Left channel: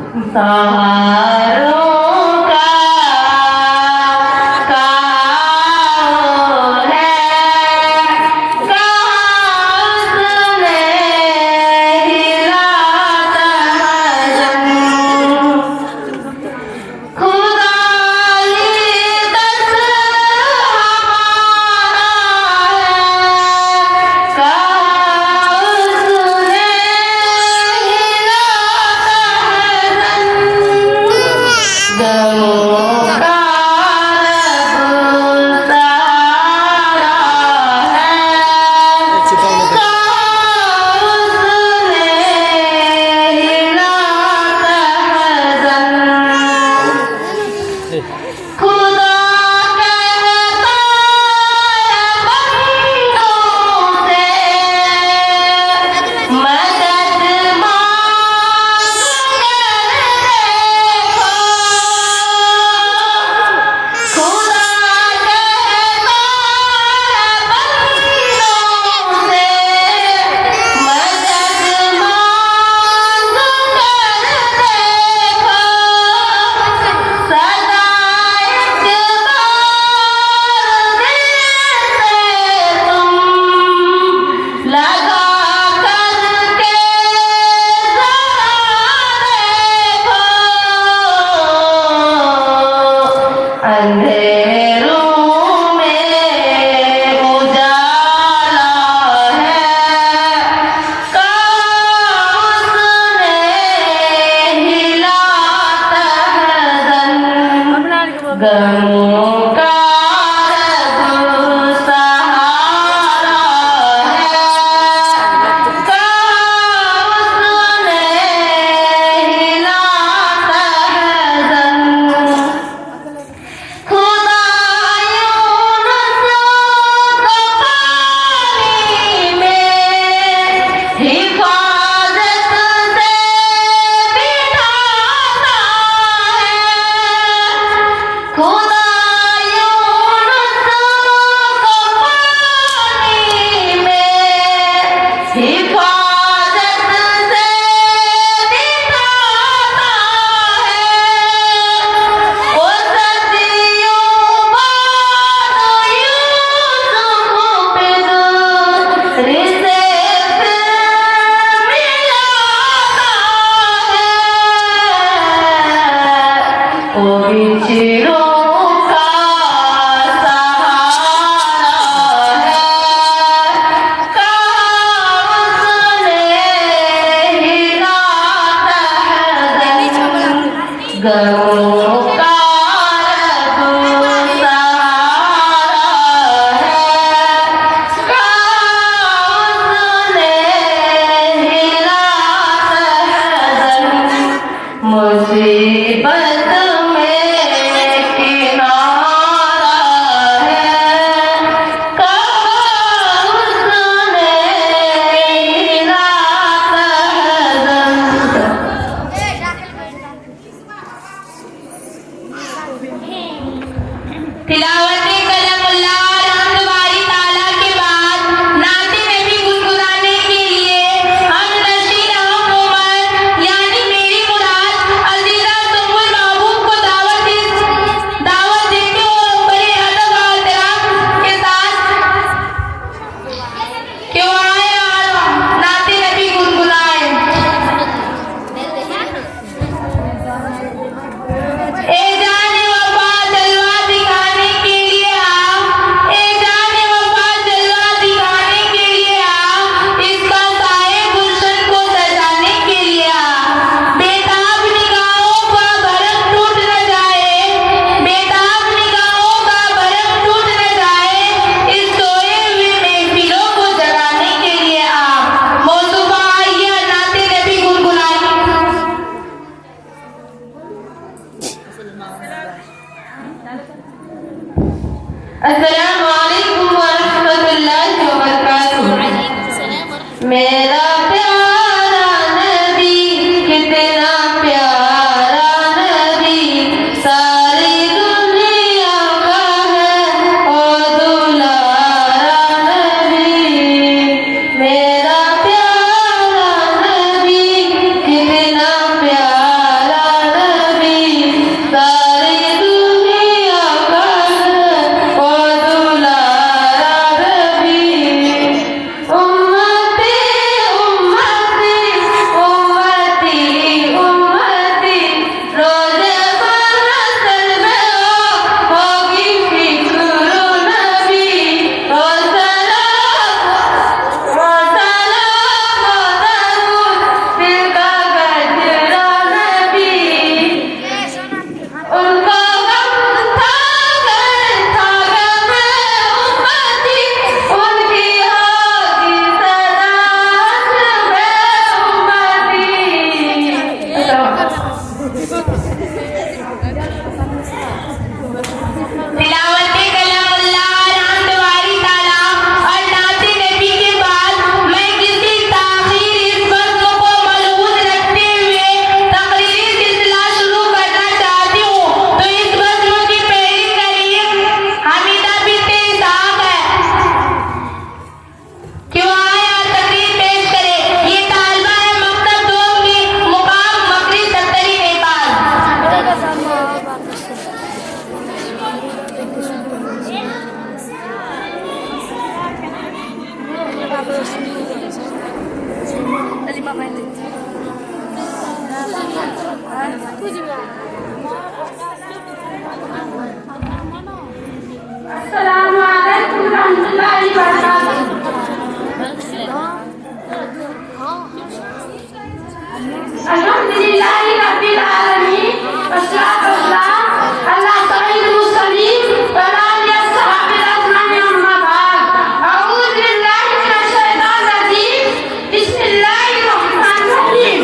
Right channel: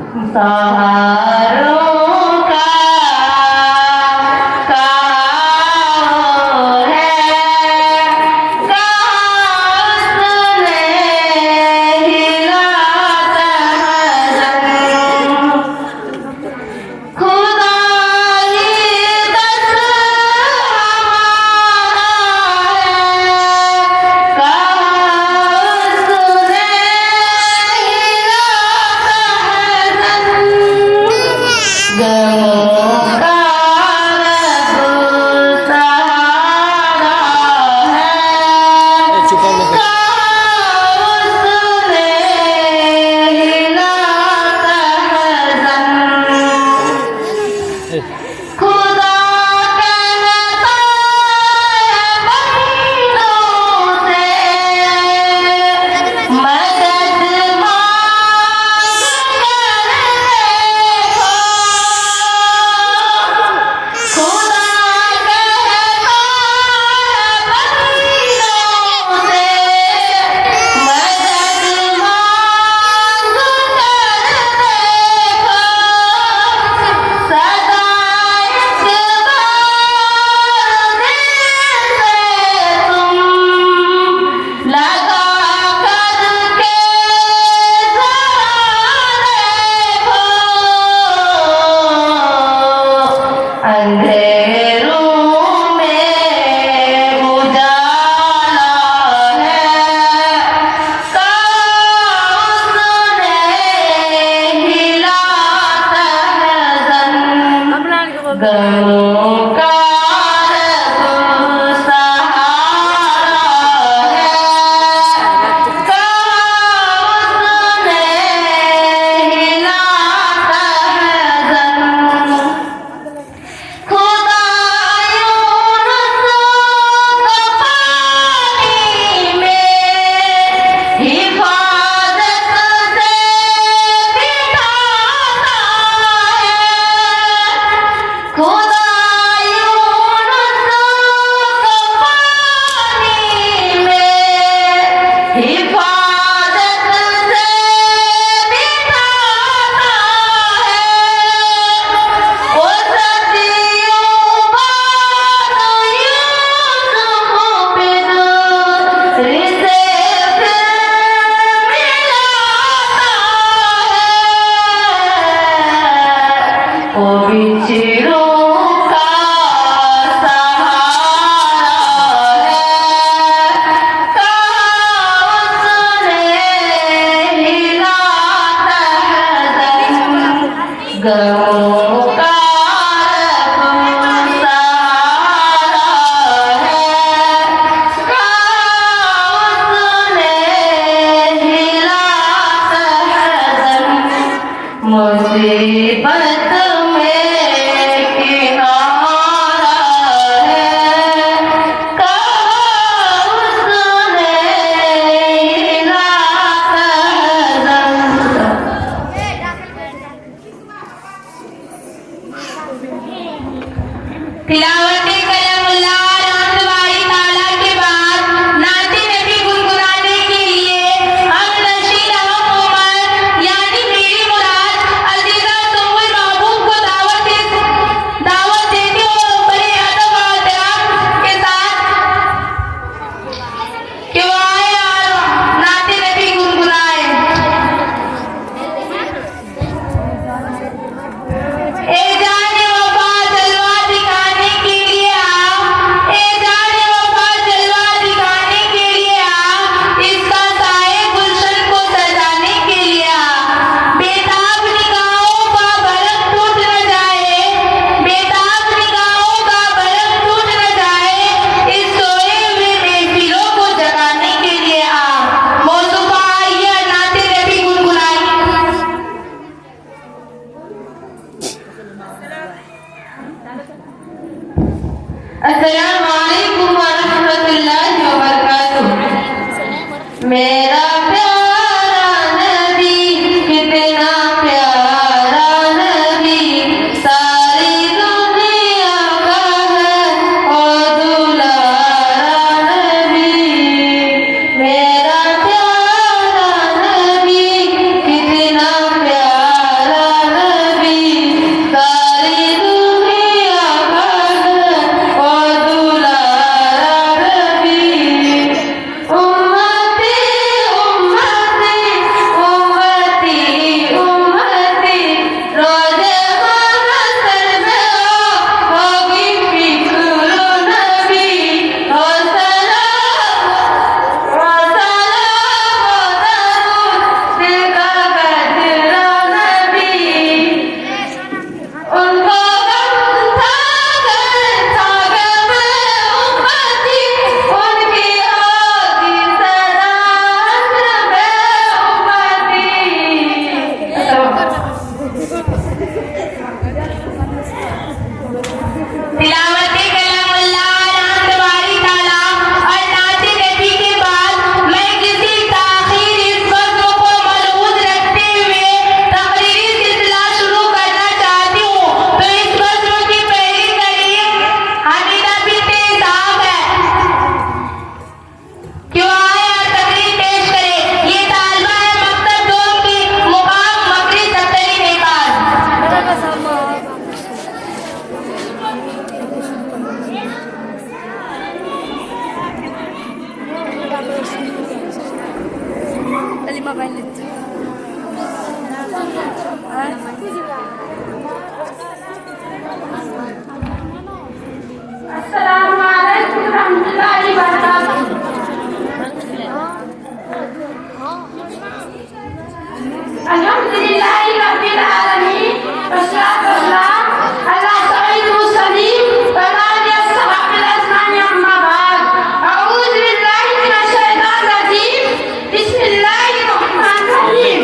सहारों का कहाँ है, कहाँ सुने हिलाता है खुदा ही दस हमारा है, कहाँ सुने गमों का तिलावत कलामुल्लाह रात वारी ताला और नाते नबी के बाद मैं किसी ताखीर इस वक्त को मलूज रखते हुए तकरीर सिलसिला शुरू करना चाहती हूँ। तो इस वक्त की पहली कड़ी हामिदा बिनते साहब है, क्यों आए और तकरीर पेश करे। ये तालबा है मकतब दो की मुकाम मकरी सत्तरी नेपाल। अस्सलामुअलैकुम रहमतुल्लाहि व बरकातुहू। अल्हम्दुलिल्लाहि रब्बिल आलमीन वस्सलातु वस्सलाम अला सय्यिदिल मुरसलीन व आलिहि अस्हाबिल अजमाइन अम्मा बाद। अऊज़ु बिल्लाहि मिनश शैतानिर रजीम। बिस्मिल्लाहिर रहमानिर रहीम।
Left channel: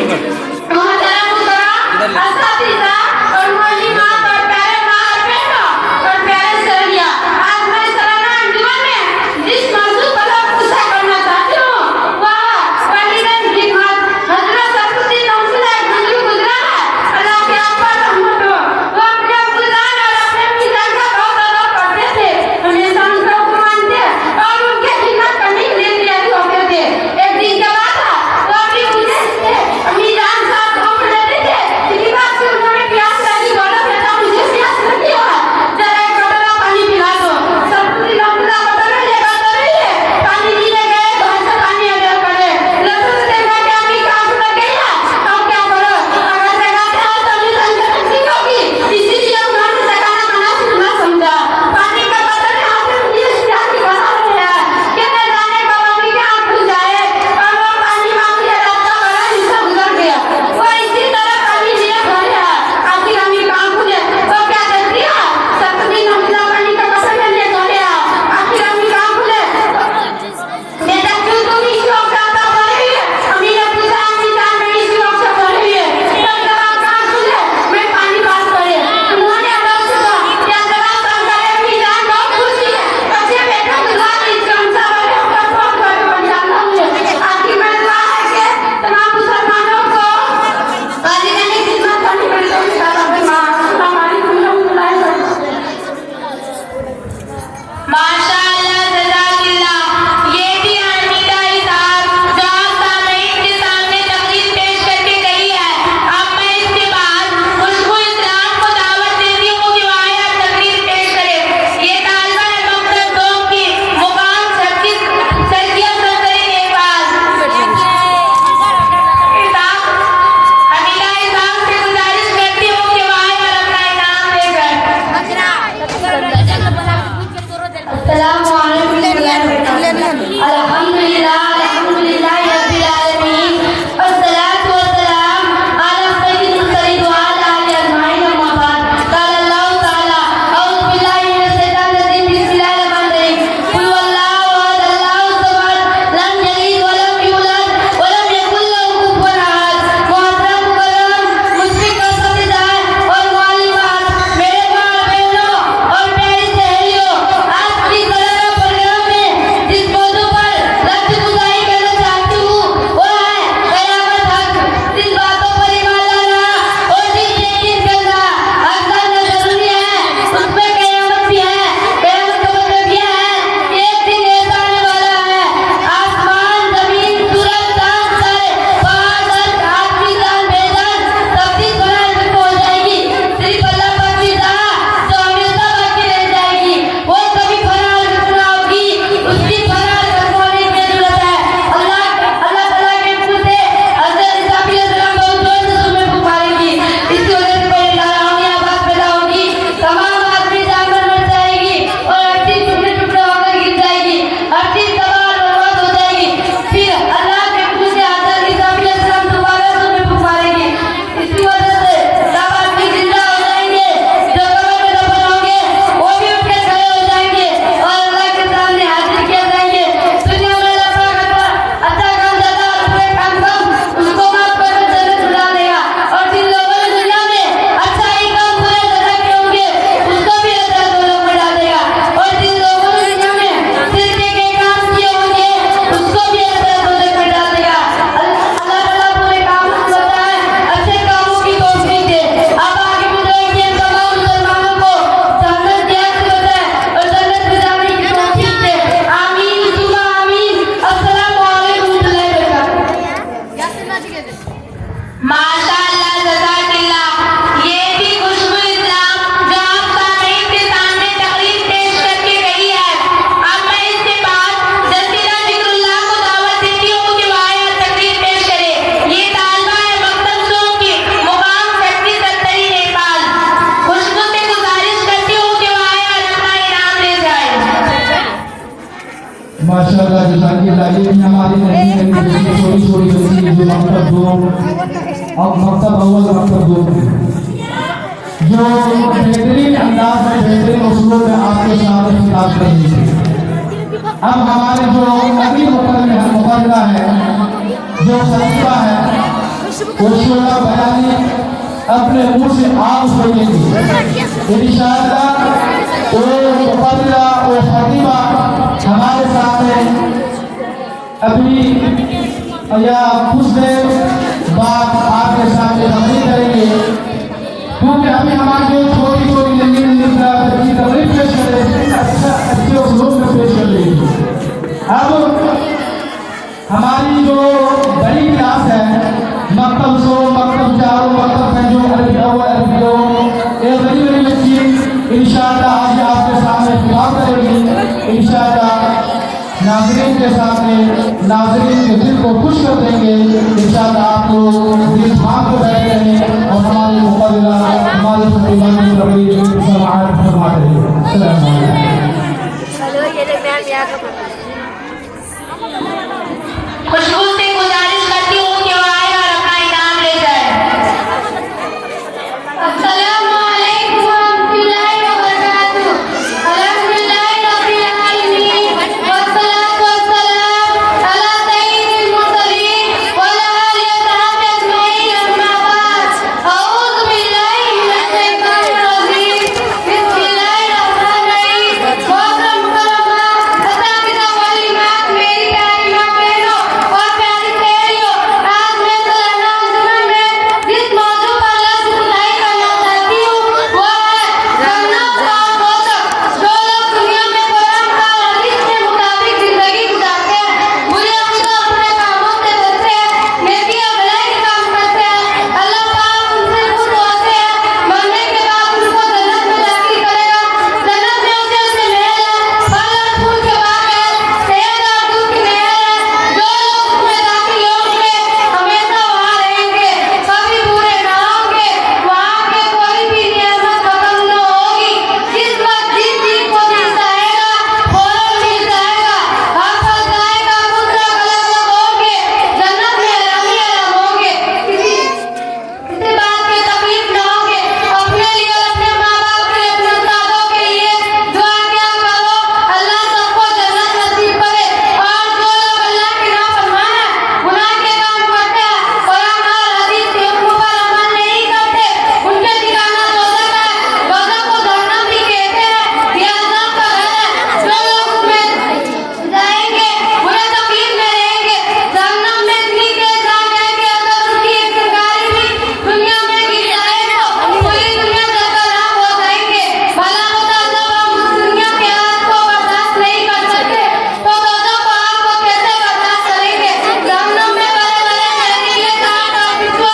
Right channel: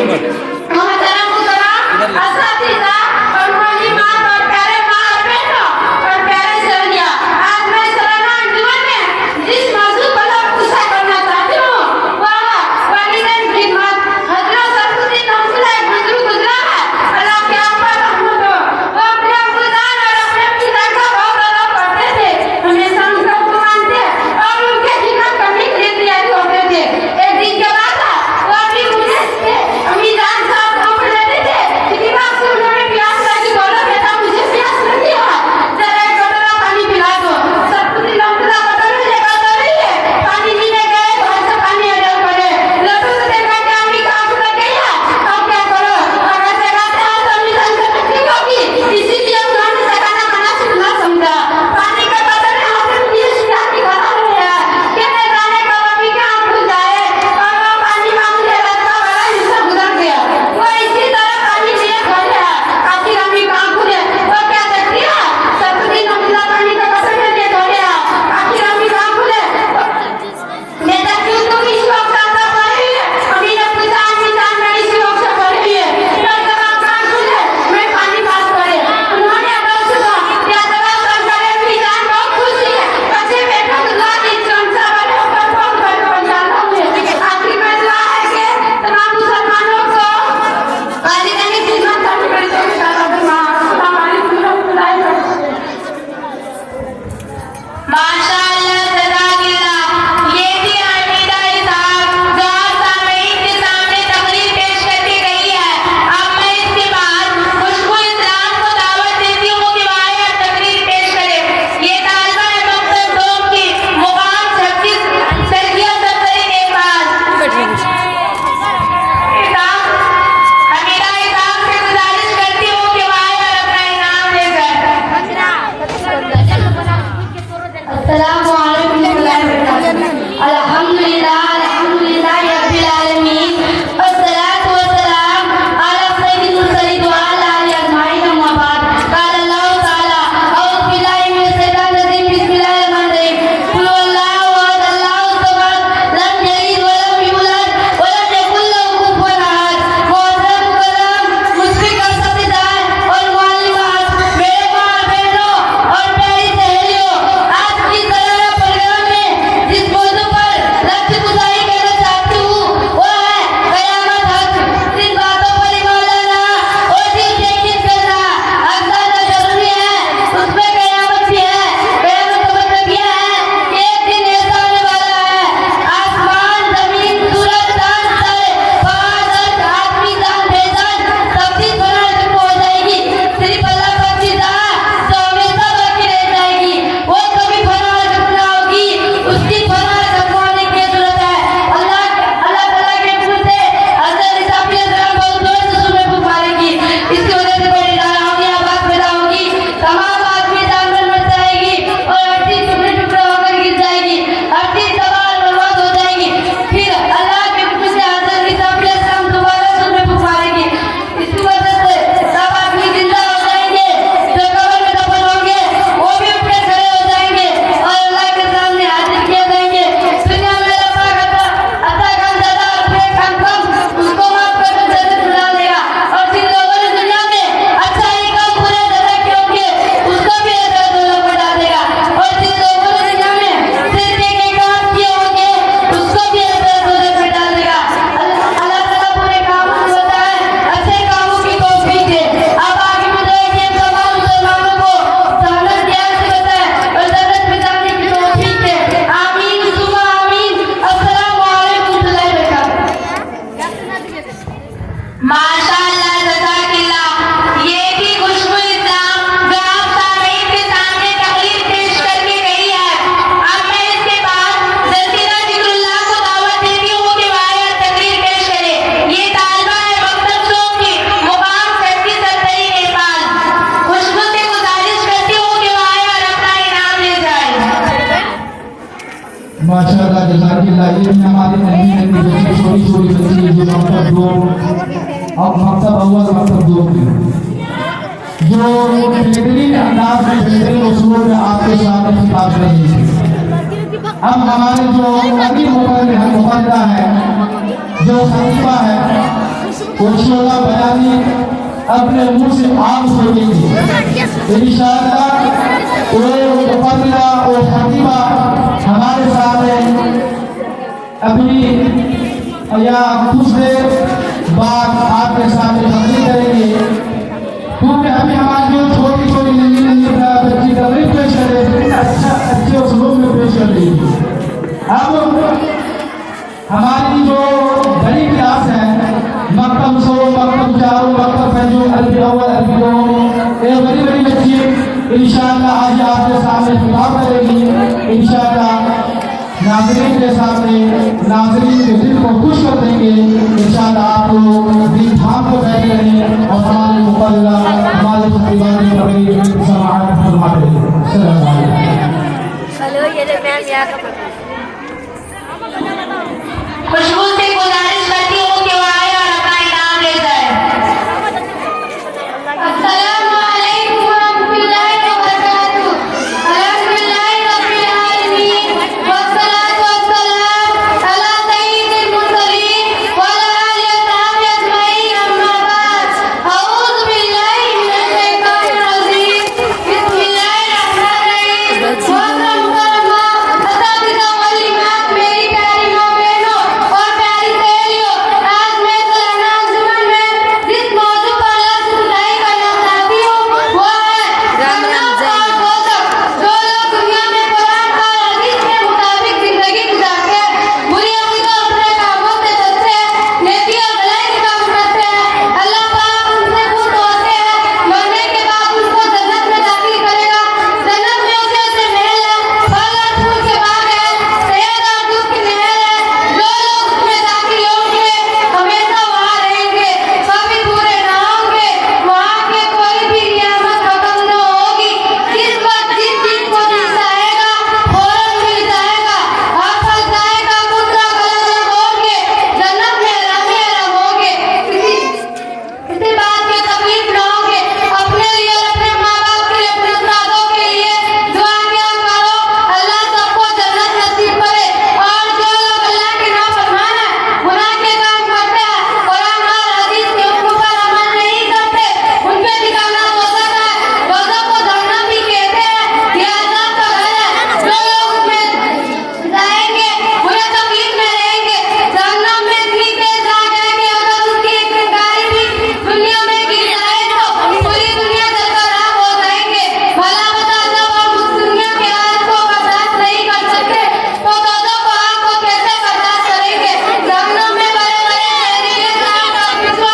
मोहतरम मुकर्रम असातिज़ा और मालिकात और प्यारे माँ बहनों और प्यारे सहेलियाँ, आज मैं सालाना अंजुमन में जिस मौजू पर गुस्सा करना चाहती हूँ वह है वालिदैन खिदमत। हज़रत सरूसी नमसला एक बुजुर्ग गुजरा है, अल्लाह के आका रहमत हो। वो अपने अब्बुजान और अपने अम्मीजान का बहुत अदब करते थे, हमेशा उनका हुक्म मानते और उनके खिदमत करने के लिए तैयार होते थे। एक दिन की बात है, वो अपनी गुजरे थे, अम्मीजान साहब को लेते थे। इसी बात से उन्होंने प्यार से बोला, बेटा मुझे जजाकिल्लाह। ये भी हमारी छोटी छोटी बच्ची जो मकतब दो और मकतब अव्वल मकतब दो जो बेहतरीन अंदाज में बेहतरीन उसूलों में आपके सामने खिताब कर रही है। अब हमारे जो नबी मुकर्रम है जो सलीफा है वो बयानी अपने मुंह से आप करेंगे इंशाअल्लाह। वो मुकर्रम वो खतीबा हमारे सामने अभी या कुछ देर बाद आपके सामने तकरीर करेंगे, क्योंकि अभी हमारी जो छोटी छोटी नई तकरीर पेश करें अच्छे उस्लूब में पेश कर रही है। अब हमारी जो बड़ी क्लास है मकतब सो मकतब चारों मकतब पंजो अरबी अव्वल अरबी दो ये बड़ी बड़ी बच्ची इंशाअल्लाह आज आपके सामने खिताब करेगी। इंशाअल्लाह नाज़रीन के सामने नाज़रीन के दिल को खुश कर देंगे। इंशाअल्लाह आप लोग दिल थाम के बैठे रहें और हमारे मुकल्ला हमारे प्रतिमान रवैये समाअत फरमा दें। अस्सलाम वालेकुम। चलो ये मैम यहाँ का खुशबू से गुजारिश करती हूँ कि वो आए और अपना इनाम ले जाए। अस्सलामु अलैकुम वरहमतुल्लाहि वबरकातुहू। अल्हम्दुलिल्लाहि रब्बिल आलमीन वस्सलातु वस्सलाम अला सय्यिदिल मुरसलीन व अला आलिहि व सहाबिहि अजमईन अम्मा बाद। अऊज़ु बिल्लाहि मिनश शैतानिर रजीम। बिस्मिल्लाहिर रहमानिर रहीम। मोहतरम मुकर्रमा असातिज़ा वल इमाम मेरी प्यारी माँ बहनों और प्यारी सहेलियों, आज मैं सुलहना जुम्मन में जिस मौजू पर लफ्ज़ खुदाई करना चाहती हूँ वो है जन्नत का मौसम। जो लोग दुनिया में कुरान और हदीस के मुताबिक जिंदगी गुजारते हैं, बुरी अक़ीदों अपने कामों से बचते हैं, नेकी और भलाई के काम करते हैं, अल्लाह पाक उनसे खुश होते हैं, मरने के बाद उनको जन्नत में दाखिल करेगा। जन्नत में उसे महल है, फल और फूल के बाग है, शहद और दूध की महल है। जो लोग उसमें दाखिल होंगे हमेशा वहाँ रहेंगे, कभी पूरे न होंगे। वहाँ पे कोई भी क़यामत खत्म न होगी। जिस वक्त जिस चीज को दिल चाहेगा फौरन मिल जाएगा। हर फल खाएगा, दूसरा अलग अलग होंगे, जन्नत में अलग ही अलग होंगे। किसी बात की तकलीफ न होंगे। अपने लिए और अपने माँ बाप के लिए अपने उस्तादों के लिए दुआ किया करो, अल्लाह सबको जन्नत नसीब करे। और जो लोग अल्लाह के नाफरमान हैं, गुनाह के काम करते हैं, कुरान और हदीस के हुक्म पर अमल नहीं करते, उनके ठिकाना दोज़ख है। दोज़ख को जहन्नम भी कहते हैं, ये अज़ाब का घर है। जो लोग उसमें जाएंगे बुरे तकलीफ में रहेंगे, जहन्नम में इतनी तेज आग है कि अगर उसकी एक चिंगारी भी दुनिया में गिर जाए तो पूरी दुनिया जलकर राख हो जाएंगे। भला बता जब हम उस दुनिया की हालत को बर्दाश्त नहीं कर सकते तो दोज़ख को आग को कैसे बर्दाश्त करेंगे। जहन्नम में बड़े बड़े जहरीले सांप और बिच्छू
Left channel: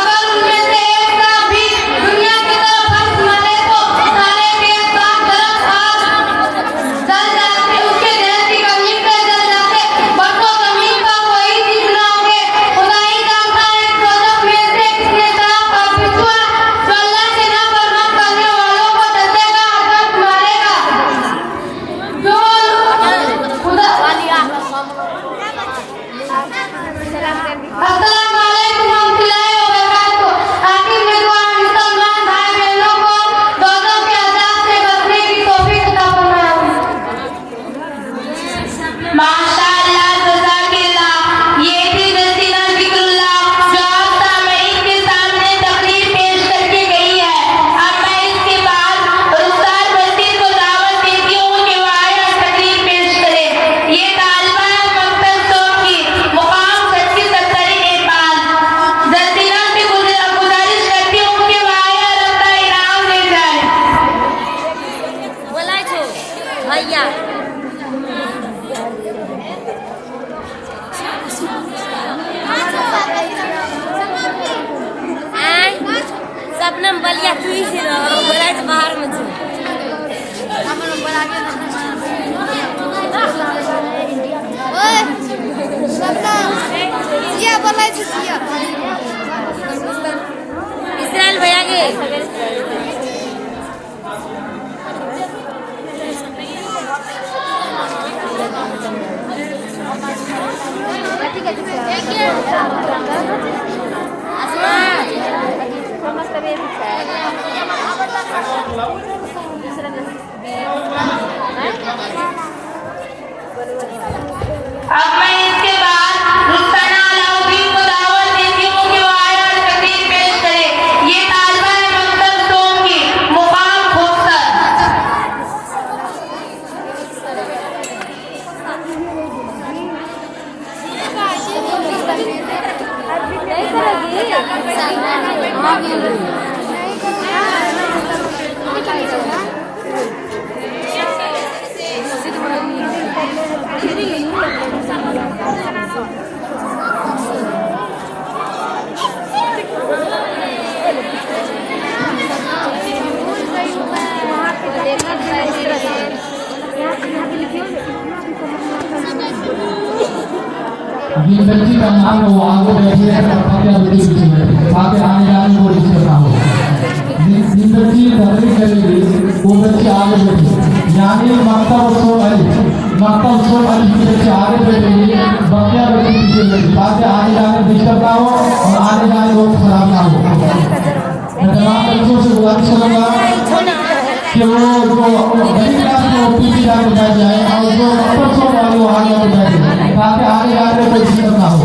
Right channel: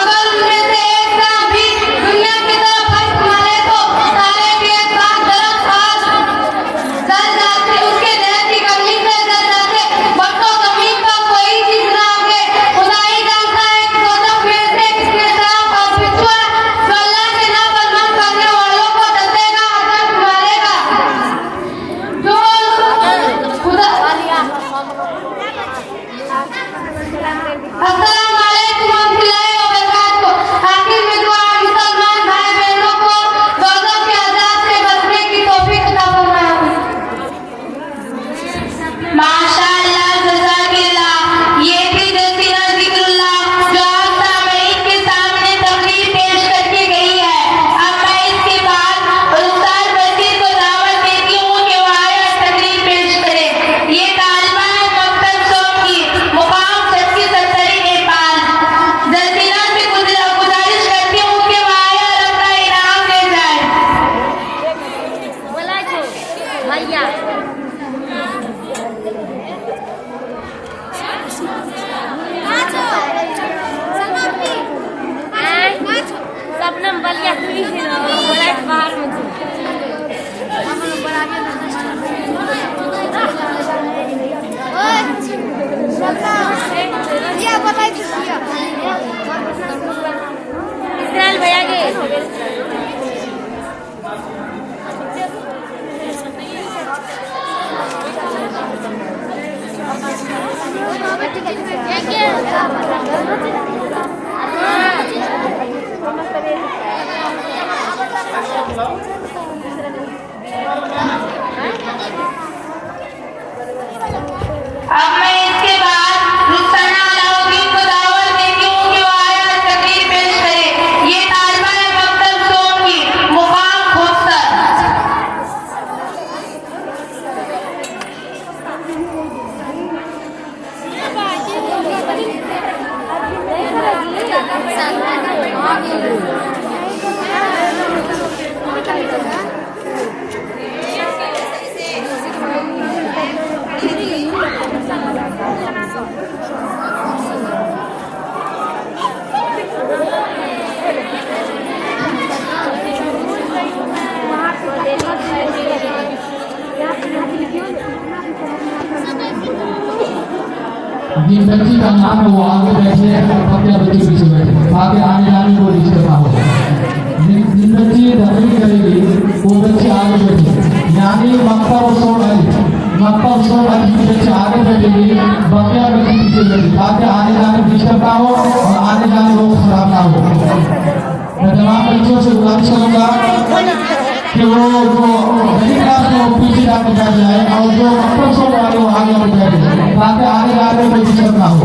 अगर उनमें से एक सांप भी दुनिया की तरफ फंस मारे तो सारे के साथ तरफ आग जल जाते, उसके जहर की कमी से जल जाते। बरसों जमीन पर कोई चीज न होंगे। खुदा ही जानता है कि दोज़ख में से कितने सांप और बिच्छू हैं जो अल्लाह के नाफरमान करने वालों को डसेगा और फंस मारेगा। जो खुदा अस्सलाम वालेकुम वरहमतुल्लाहि वबरकातुहू। आखिर में दुआ मुसलमान भाई बहनों को दोज़ख के अज़ाब से बचने की तौफीक अता फरमाए। माशाअल्लाह जज़ाकिल्लाह। ये थी रसीना ज़िक्रुल्लाह जो आज सामईन के सामने तकरीर पेश करके गई है। अब मैं इसके बाद उस्ताद मस्जिद को दावत देती हूँ कि वो आए और तकरीर पेश करें। ये तालिबा है मकतब सो की मुकाम 37 नेपाल। रसीना से गुजारिश करती हूँ कि वो आए और अपना इनाम ले जाए। बोला जो भैया सबनम बलिया तू ही से ना बोला तो बाहर में इसराइल भैया के अब मैं इसके बाद रुखसाना अलाउद्दीन को दावत देती हूँ कि वो आए और तकरीर पेश करे। ये तालिबा है मकतब सोमनी मुकाम खोखसर। जिन व्यक्ति का नाम है वो आगे बैठे हैं और फतेह बच्चे पीछे बैठे ताकि आने जाने को डिस्टर्ब ना हो। जिन व्यक्ति तकरीर करेंगे वो बच्चे आगे बैठे, यानी मक्ता उत्सव है, मक्ता उत्सव है जिन बच्चे आगे बैठेंगे बकिया बच्चे पीछे बैठे ताकि आने जाने को डिस्टर्ब ना हो और आने जाने को खराब ना हो। मैं तमाम बच्चों से गुजारिश करूंगा कि वो जो बड़ी क्लास में वो पीछे जाकर बैठ जाए और जो मक्ता उत्सव वाले वो आगे बैठ जाए ताकि आने जाने को डिस्टर्ब ना हो।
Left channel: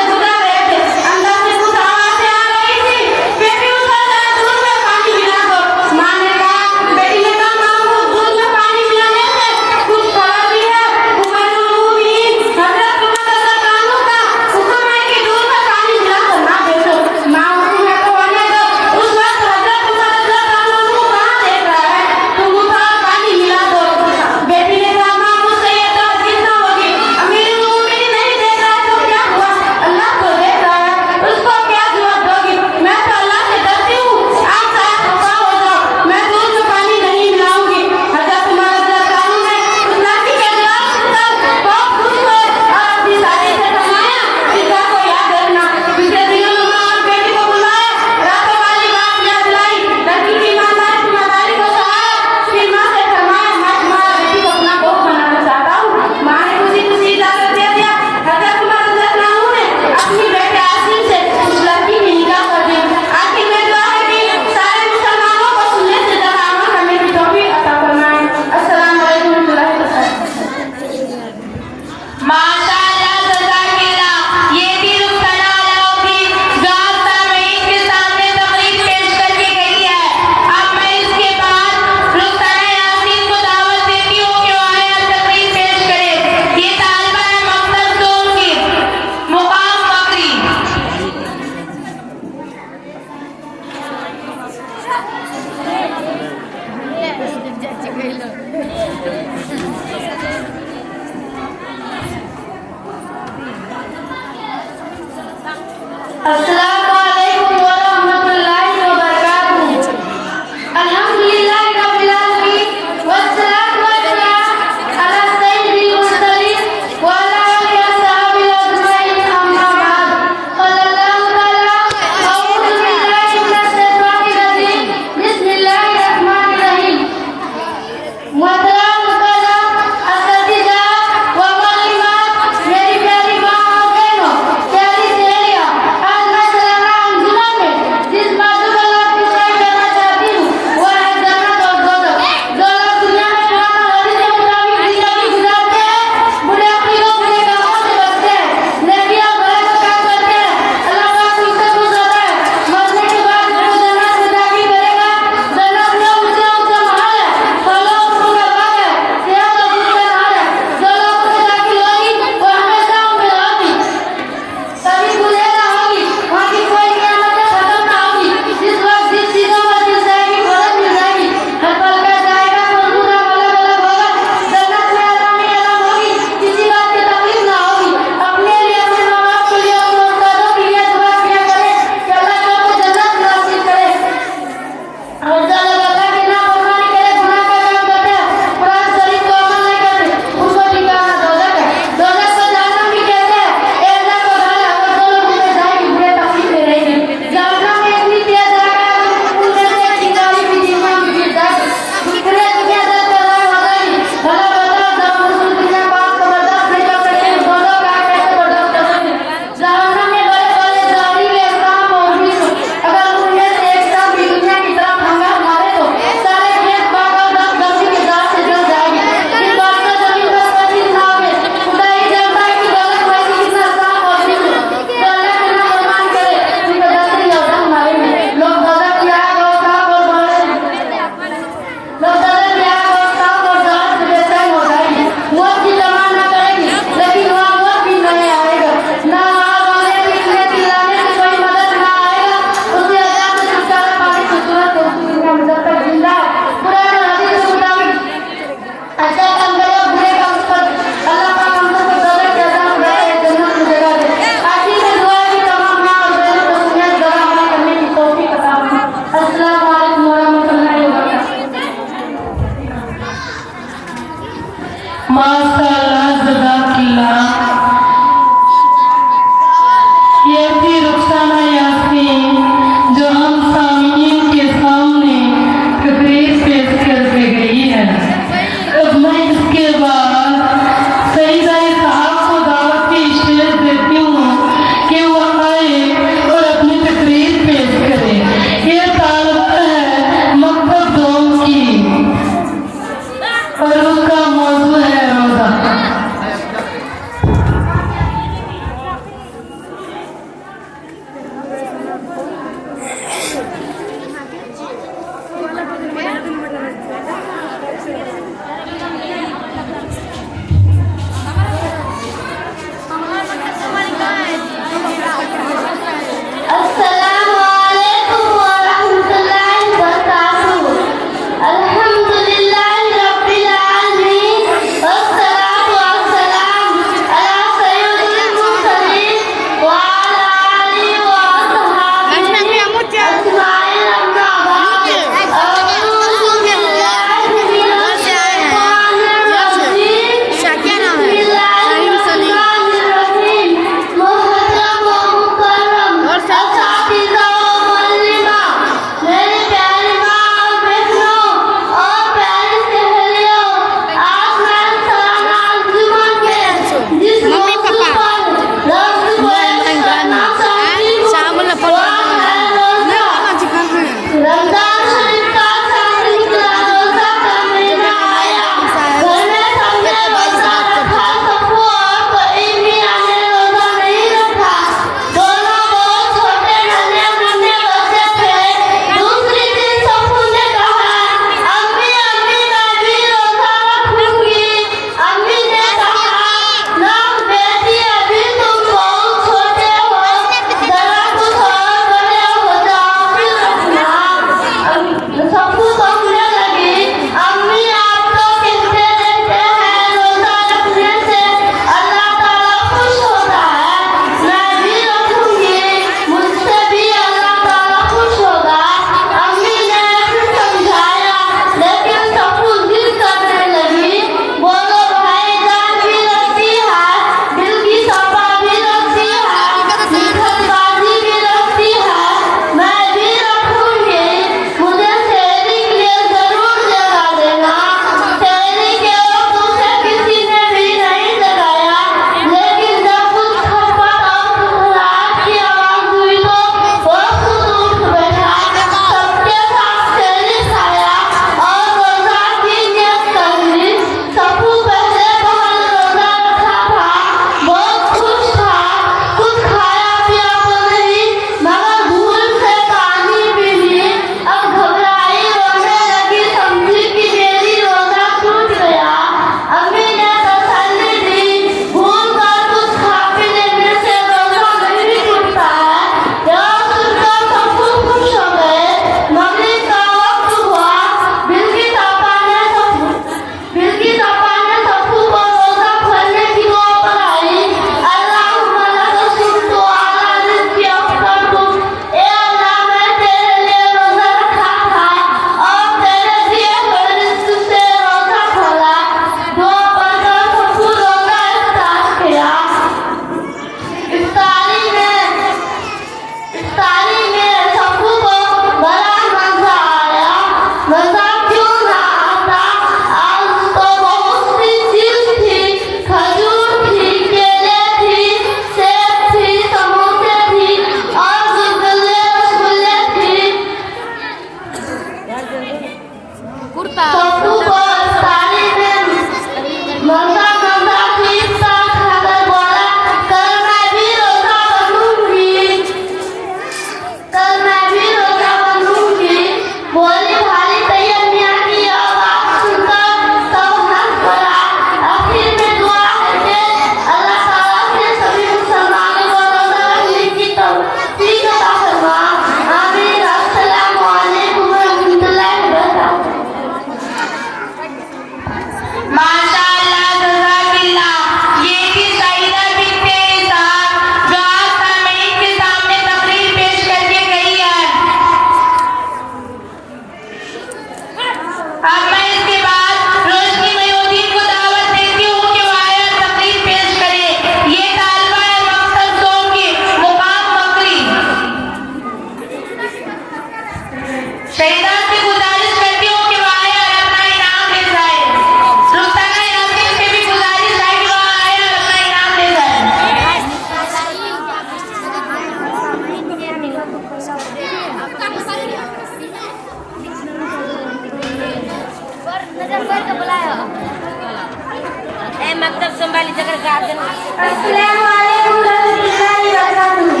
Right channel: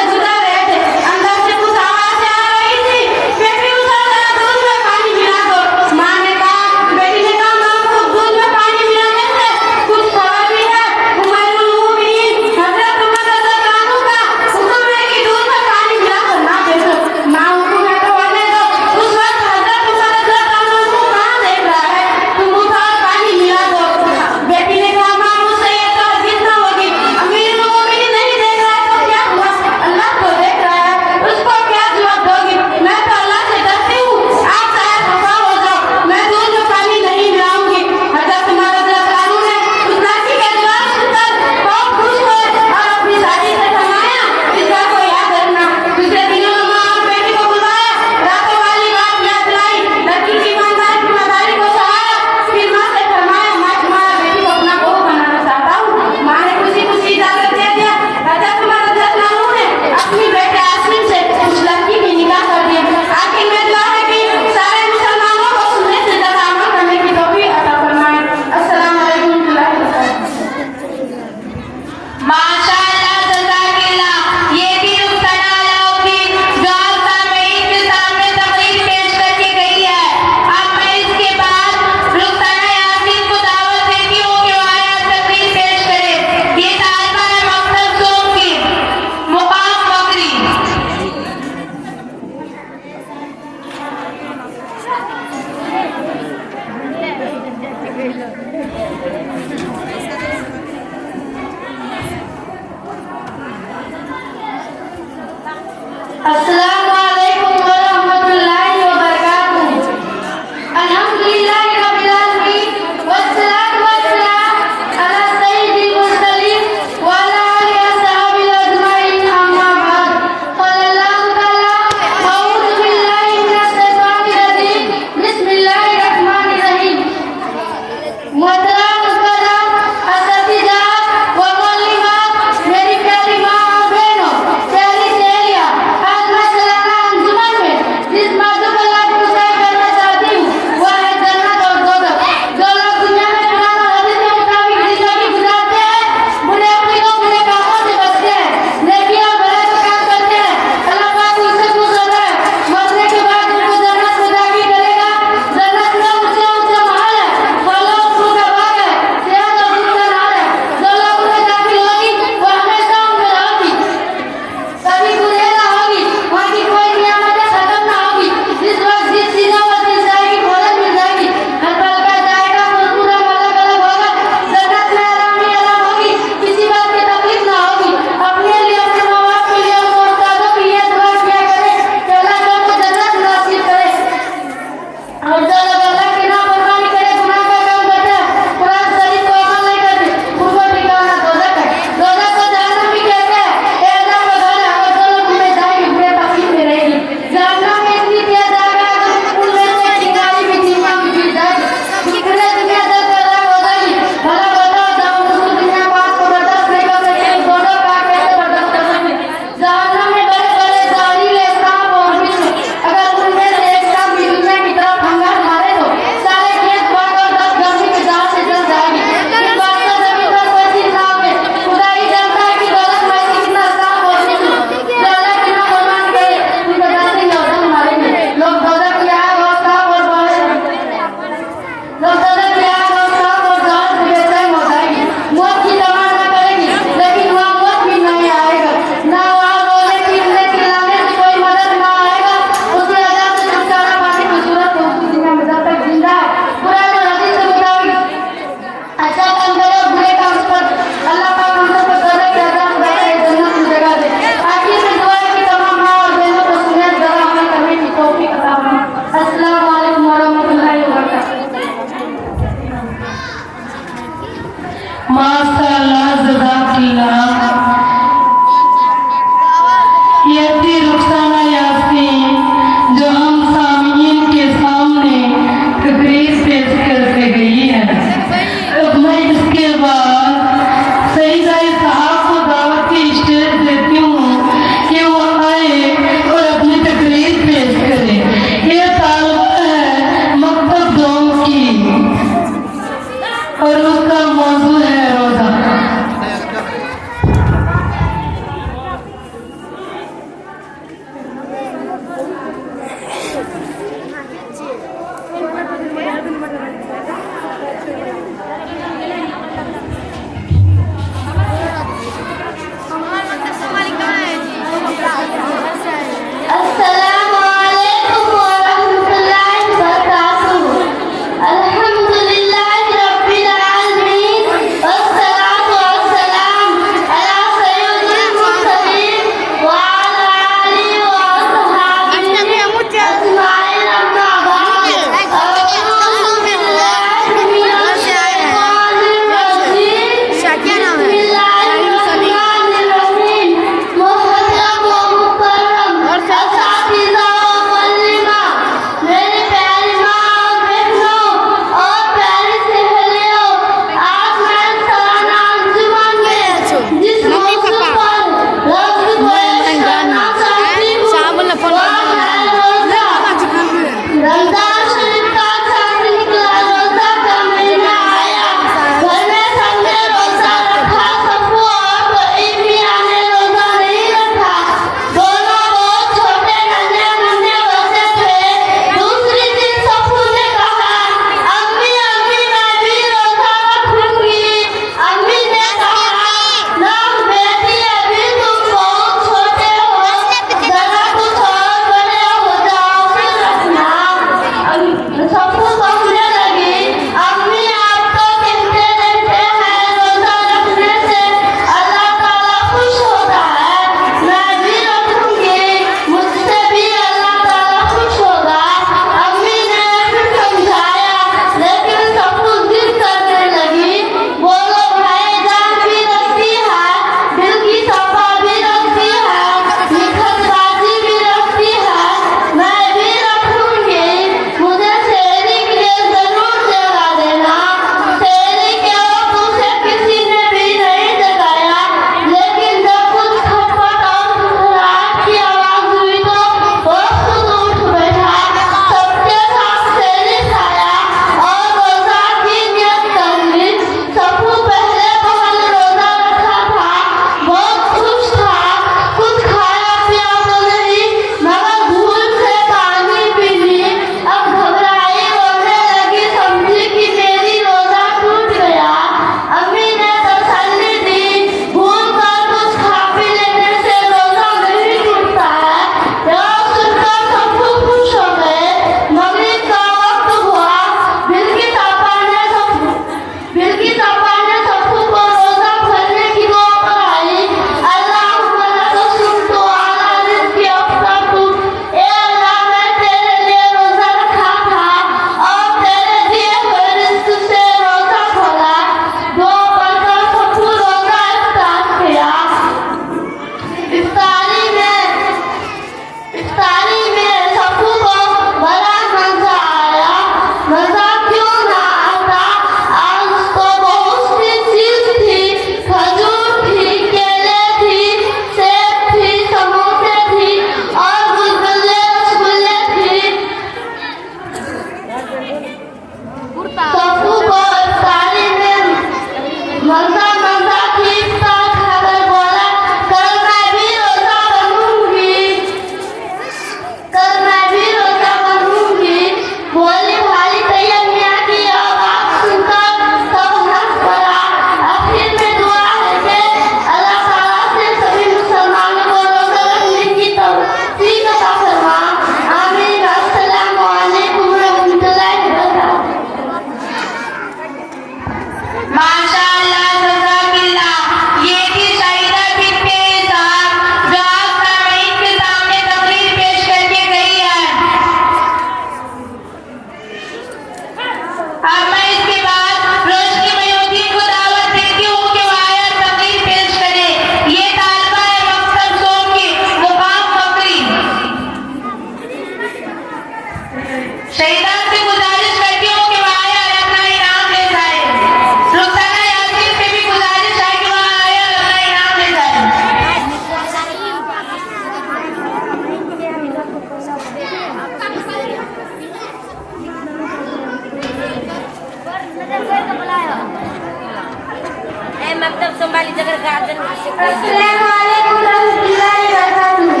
मकतब संभाली जगह गार्डन अस्सलाम वालेकुम रहमतुल्लाहि व बरकातहू।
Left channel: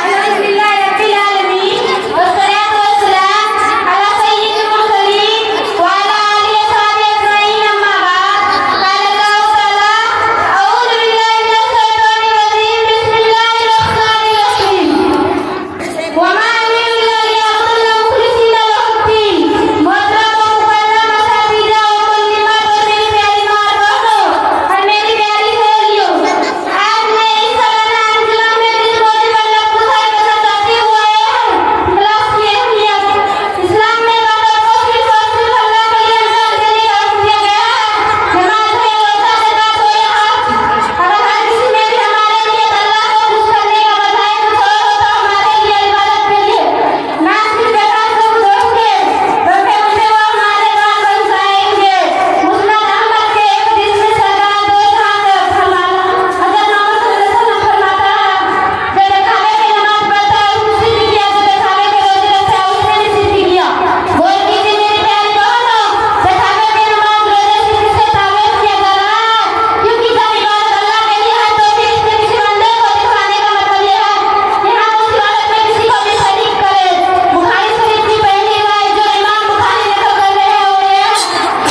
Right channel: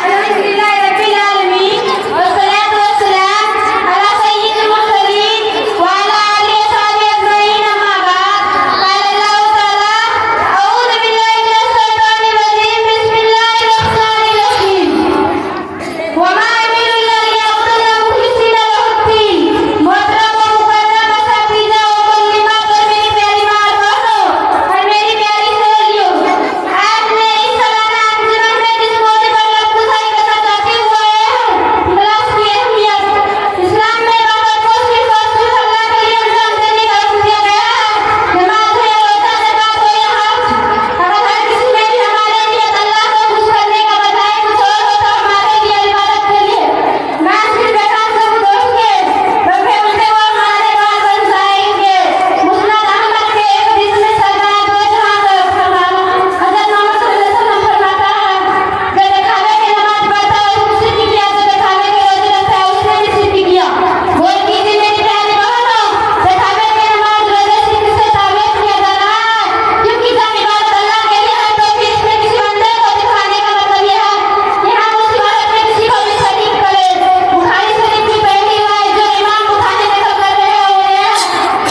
अल्हम्दुलिल्लाह रब्बिल आलमीन वस्सलातु वस्सलाम अला सय्यिदिल मुरसलीन व अला आलिहि व सहबिहि अजमईन अम्मा बाद। क़ाल अल्लाहु तआला अऊज़ु बिल्लाहि मिनश शैतानिर रजीम बिस्मिल्लाहिर रहमानिर रहीम व मा उमिरू इल्ला लियअबुदुल्लाह मुख़लिसीना लहुद्दीन मोहतरम मुकर्रम साथीना व मुस्लिमात व मेरी प्यारी माँ और बहनों और मेरी प्यारी सहेलियों, आज मैं इस सालाना आंदोलन में जिस मौके पर लफ्ज़ के साथ आते हुए इखलास की अहमियत इस्लाम में बाबा को सिर्फ और सिर्फ अल्लाह के लिए अंजाम देने का हुक्म दिया गया है। जमात है रोज़ा ज़कात व यहाँ अगर हर किसी में भी हमारे लिए अल्लाह को खुश करने का बजाय कुछ और हो तो हमारे लिए इबादत के लिए नाम की बेकार से छोड़ेंगे रबे मुझे वो हमारे बात बन जाएंगे। मुस्लिम अहमद के एक दिन में सरकार दो जहां का फरमान हज़रत मोहम्मद सल्लल्लाहु अलैहि वसल्लम फरमाता है जो दिखावे की नमाज पढ़ता है उसने भी किया, जो दिखावे की रोज़े रखता है उसने भी सिद्ध किया। वो कीजिए मेरी प्यारी बहनों, दिखावे की नमाज रोज़े से किससे ताबीर किया जा रहा है क्योंकि जब इबादत अल्लाह के लिए है तो फिर इसमें किसी बंदे को दिखाने का मतलब यह है कि हम उस इबादत में किसी को भी शरीक करें। बुखारी शरीफ की पहली रिवायत जो इमाम बुखारी ने खबर में है वो है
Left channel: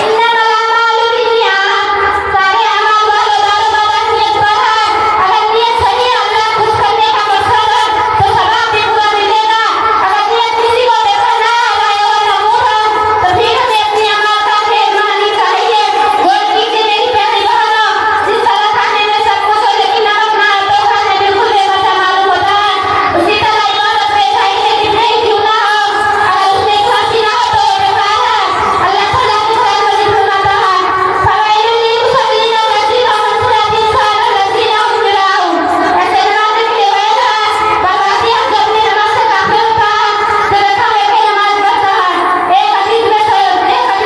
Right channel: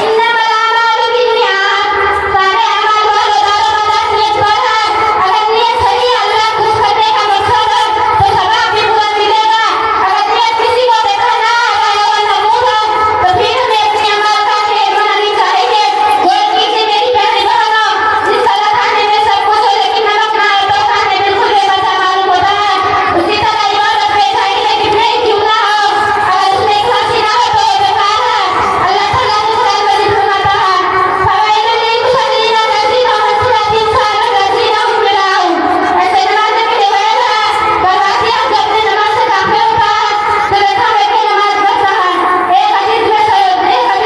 इन्नमल अमालु बिन्नियात, सारे अमाल वालों का नियत पर है। अगर नियत सही अल्लाह खुश करने का मकसद है तो सवाब भी पूरा मिलेगा। अगर नियत किसी को दिखाना है और नमूद है तो फिर हमें अपने अमाल का ढेर बनानी चाहिए। गौर कीजिए मेरी प्यारी बहनों, जिस तरह खाने में सब कुछ हो लेकिन नमक ना हो तो खाने बिल्कुल बेमजा मालूम होता है। उसी तरह इबादत में चाहिए जितने ही क्यों ना हो अगर उसमें खांसी ना हो तो वो बेकार है। अल्लाह ताला के साथ वही फरमाता है फवाइलुल लिलमुसल्लीन अल्लज़ीना हुम अन सलातिहिम साहून अल्लज़ीना हुम युराऊन। ऐसे नमाज़ की रिवायत है बर्बादी हम जब भी नमाज से काफिर होता है तो ऐसा है कि नमाज पढ़ता है। एक हदीस में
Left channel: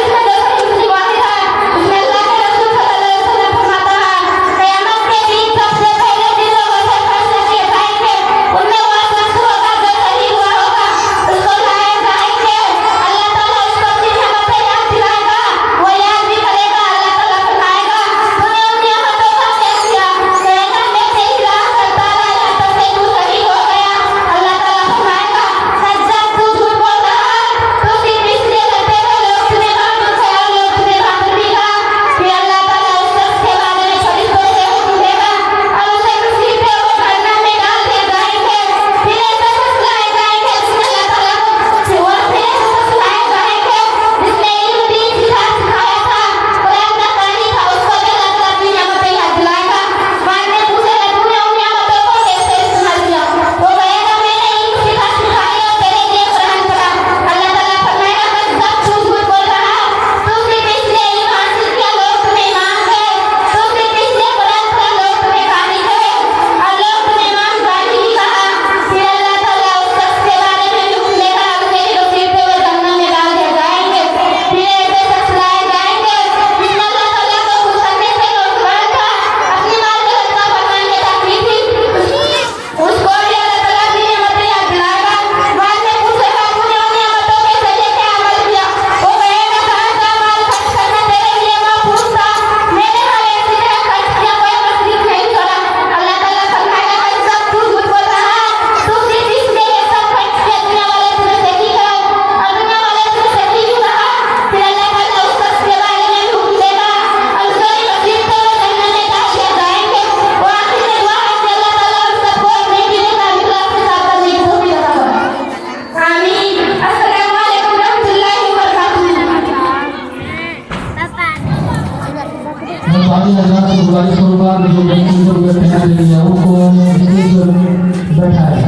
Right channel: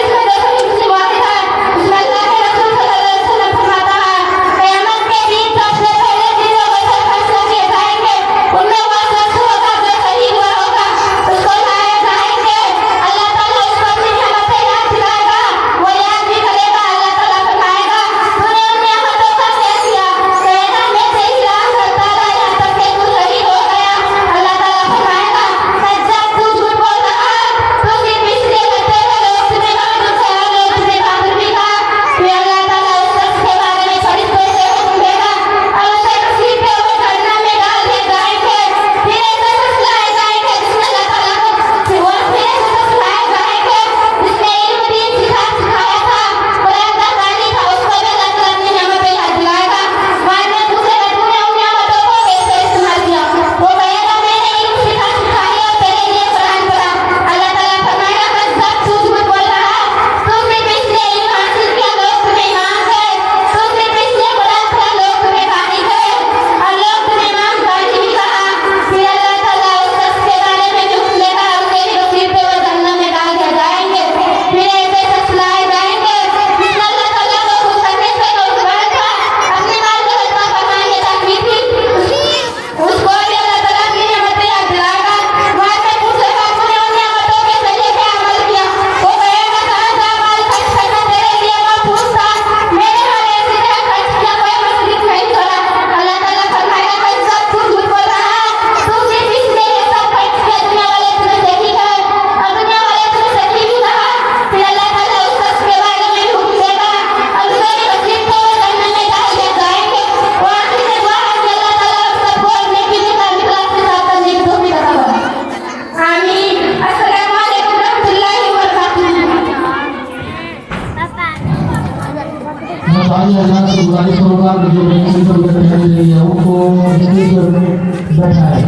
जो सही मुस्लिम वाक़िअ है उसमें अल्लाह के रसूल सल्लल्लाहु अलैहि वसल्लम फरमाता है क़यामत के दिन सबसे पहले जिसको वज़न खर्च किए जाएंगे उनमें वो शख्स होगा जो शहीद हुआ होगा। उसको लाया जाएंगे, अल्लाह ताला उसको अपनी नेमतें याद दिलाएगा, वो याद भी करेगा। अल्लाह ताला फरमाएगा तूने उन नेमतों का त्याग किया, कहना मैं तेरी राह करता रहा यहाँ तक कि तू शहीद हो गया। अल्लाह ताला फरमाएगा जब तू झूठ बोल रहा तो सिर्फ इसलिए कहते थे लोग तुम्हें मालूम था लोग तुम्हें मालूम नहीं था। फिर अल्लाह ताला उस शख्स के बारे में फरिश्तों से हुक्म देगा और उसे रस्सी पे वो जहन्नम में डाल दिए जाएंगे। फिर ऐसा शख्स लाए जाएंगे जिसने अल्लाह ताला को फिर ऐसा शख्स लाए जाएंगे जिसने इल्म दीन सिखाया था कुरान का कानी था, उसको अल्लाह ताला अपनी नेमतें याद दिलाएगा। बाद में पूछेगा तूने उन नेमतों को कैसे इस्तेमाल किया? वो कहेगा मैंने इल्म सिखाया और तेरे लिए कुरान पढ़ा। अल्लाह ताला फरमाएगा जब तू झूठ बोल रहा है तो सिर्फ इसलिए इल्म हासिल किया लोग तुम्हें इमाम गए, तो सिर्फ इसलिए कुरान पढ़ा लोग तुम्हें कानी गए और लोग तुम्हें इमाम गाली ही कहा। फिर अल्लाह ताला उस शख्स के बारे में हुक्म देगा उसे भी रस्सी पे वो जहन्नम में डाल दिए जाएंगे। फिर ऐसे शख्स लाए जाएंगे जिसने अल्लाह ताला को खुश करने से रोकना था, अपनी माल दौलत का फरमाइए रखनी थी, उसको भी अल्लाह ताला की नेमतें याद दिलाएगा। बाद में पूछेगा तूने उन नेमतों के जरिए क्या अमल किया? वो कहेगा घर का माल खर्च करना तेरे लिए मकरूह था, मैंने हर एक जगह खर्च किया, कोई मसरूफ नहीं करा। अल्लाह ताला फरमाएगा जब तू झूठ बोल रहा है तो सिर्फ इसलिए ये सब खर्च किया दुनिया वाले तुम्हें देखी गए और दुनिया वाले तुम्हें सच्ची भी कहा। फिर अल्लाह ताला उस शख्स के बारे में हुक्म देगा और उसे भी रस्सी पे वो जहन्नम में डाल दिए जाएंगे। वो आखिर में दुआ है कि अल्लाह ताला उस सबको अपने दिल का इखलास के साथ करने की तौफीक अता फरमाए। आमीन। अस्सलाम वालेकुम रहमतुल्लाहि व बरकातहू। मैं बाकी अल्लाह से गुजारिश करूंगा कि जो बच्चे को बैठने के लिए उनको जल्दी से बैठाए।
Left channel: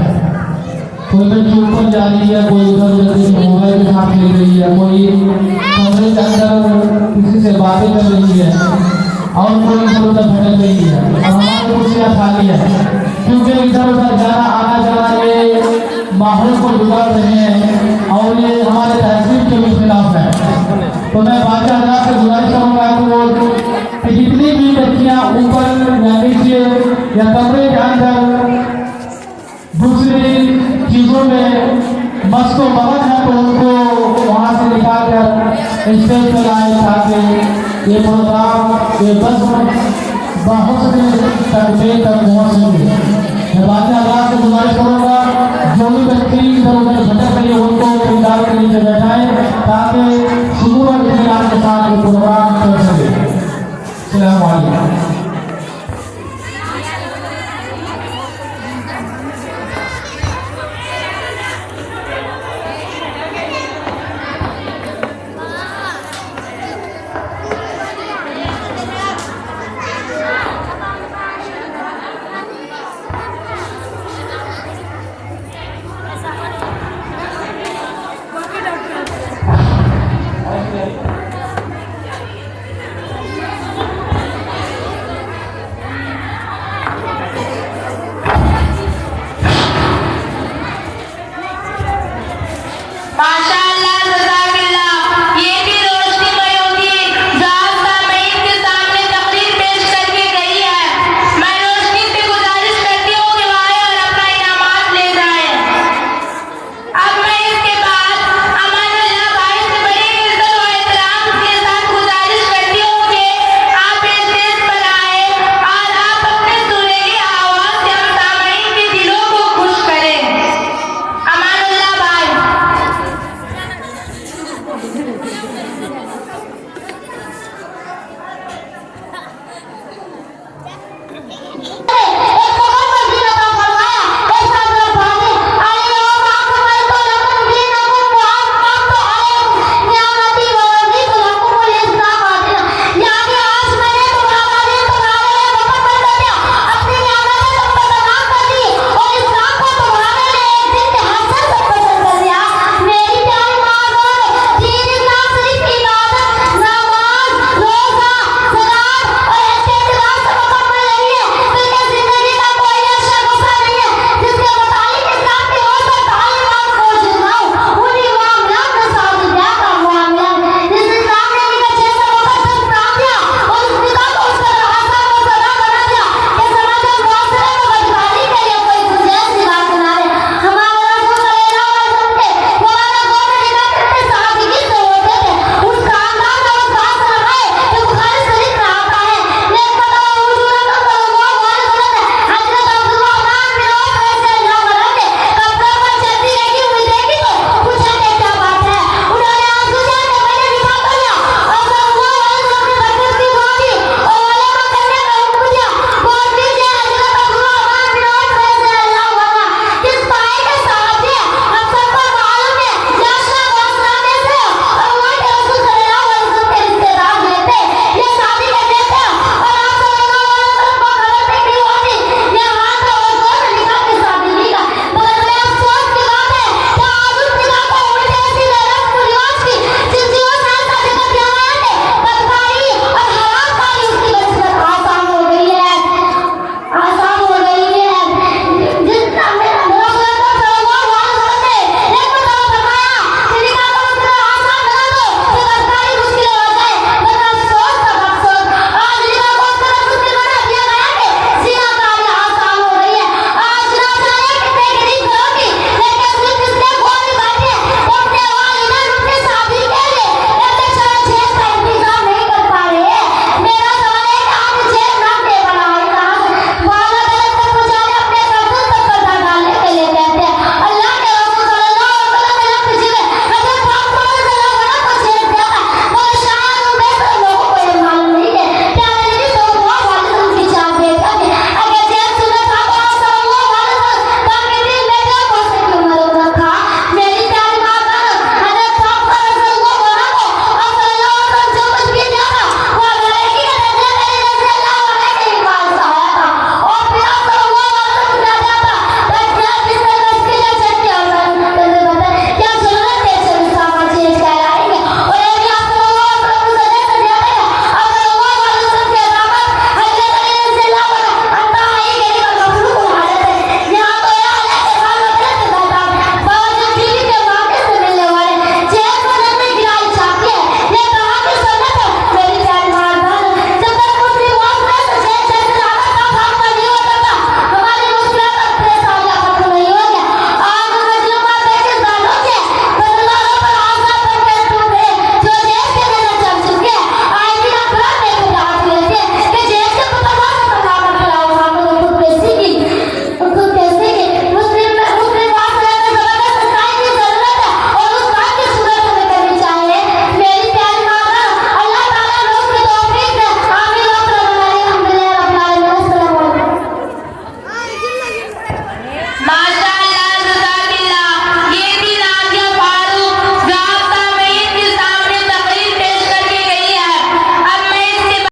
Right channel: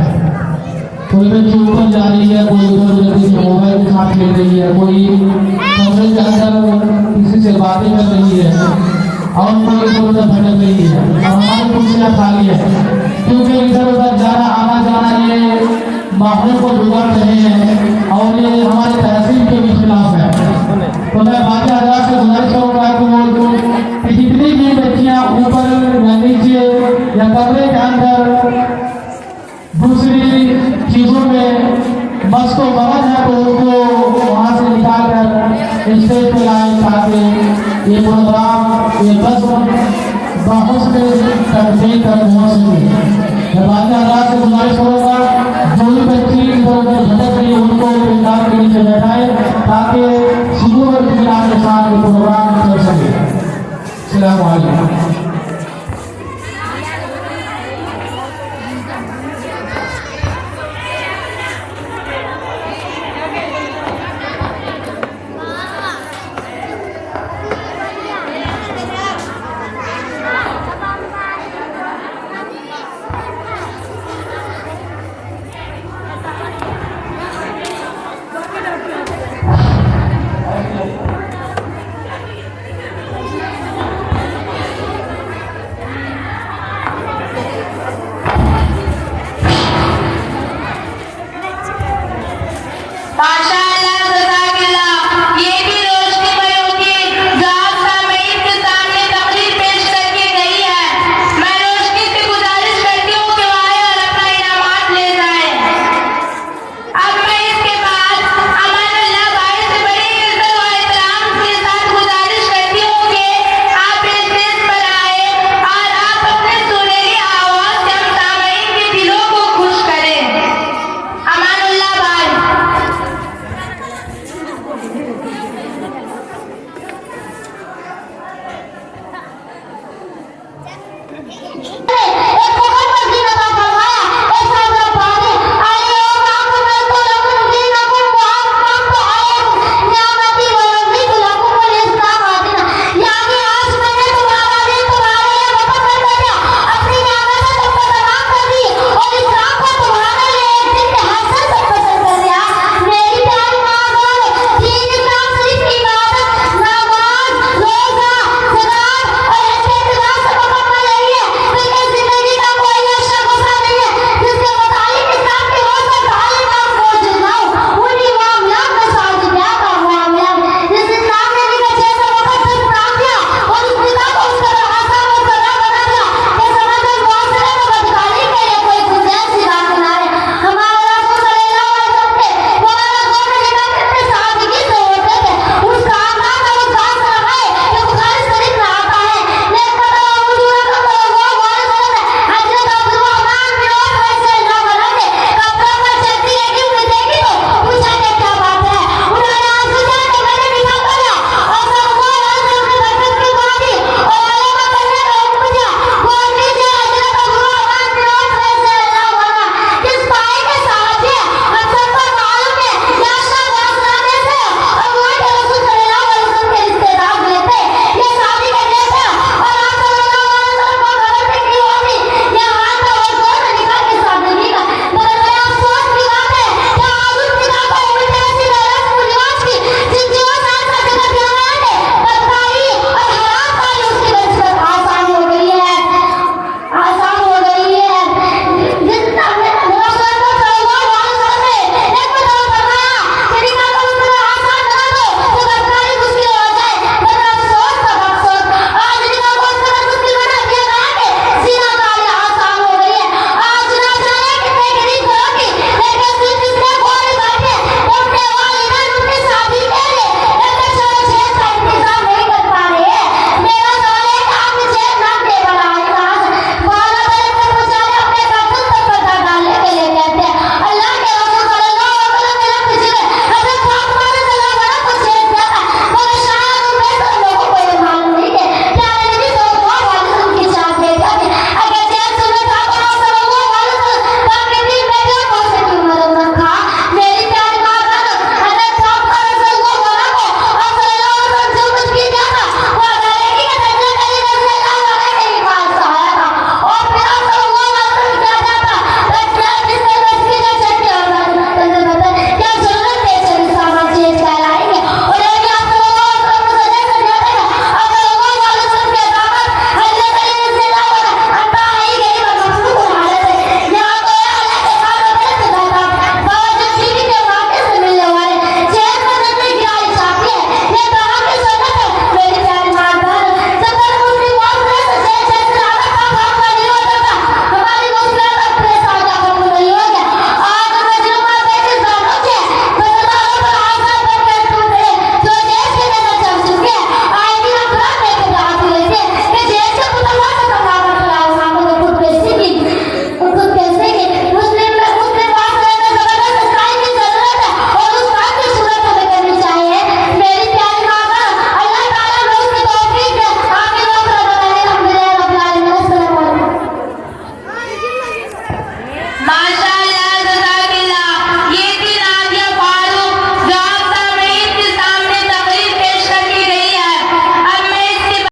कोई बच्ची ऊपर जा रही है, कोई उधर उधर के मोबाइल के साथ खेल रही है, कोई कमरे के अंदर किसी से बातें कर रही है और कोई इधर उधर भटक रही है। हमारी कुर्सियाँ खाली है क्योंकि इधर उधर जाना आना जाना ये माहौल को बिगाड़ रहे हैं और ये हमारे तहजीब के भी खिलाफ है। तो मैं बाकी अल्लाह से गुजारिश करूंगा कि जितनी भी बच्चियाँ ऊपर या नीचे या कमरे के अंदर दूसरी चीजों में मस्त मगन है तो उनको वहाँ से निकाल कर स्टेज पर लाए ताकि ये प्रोग्राम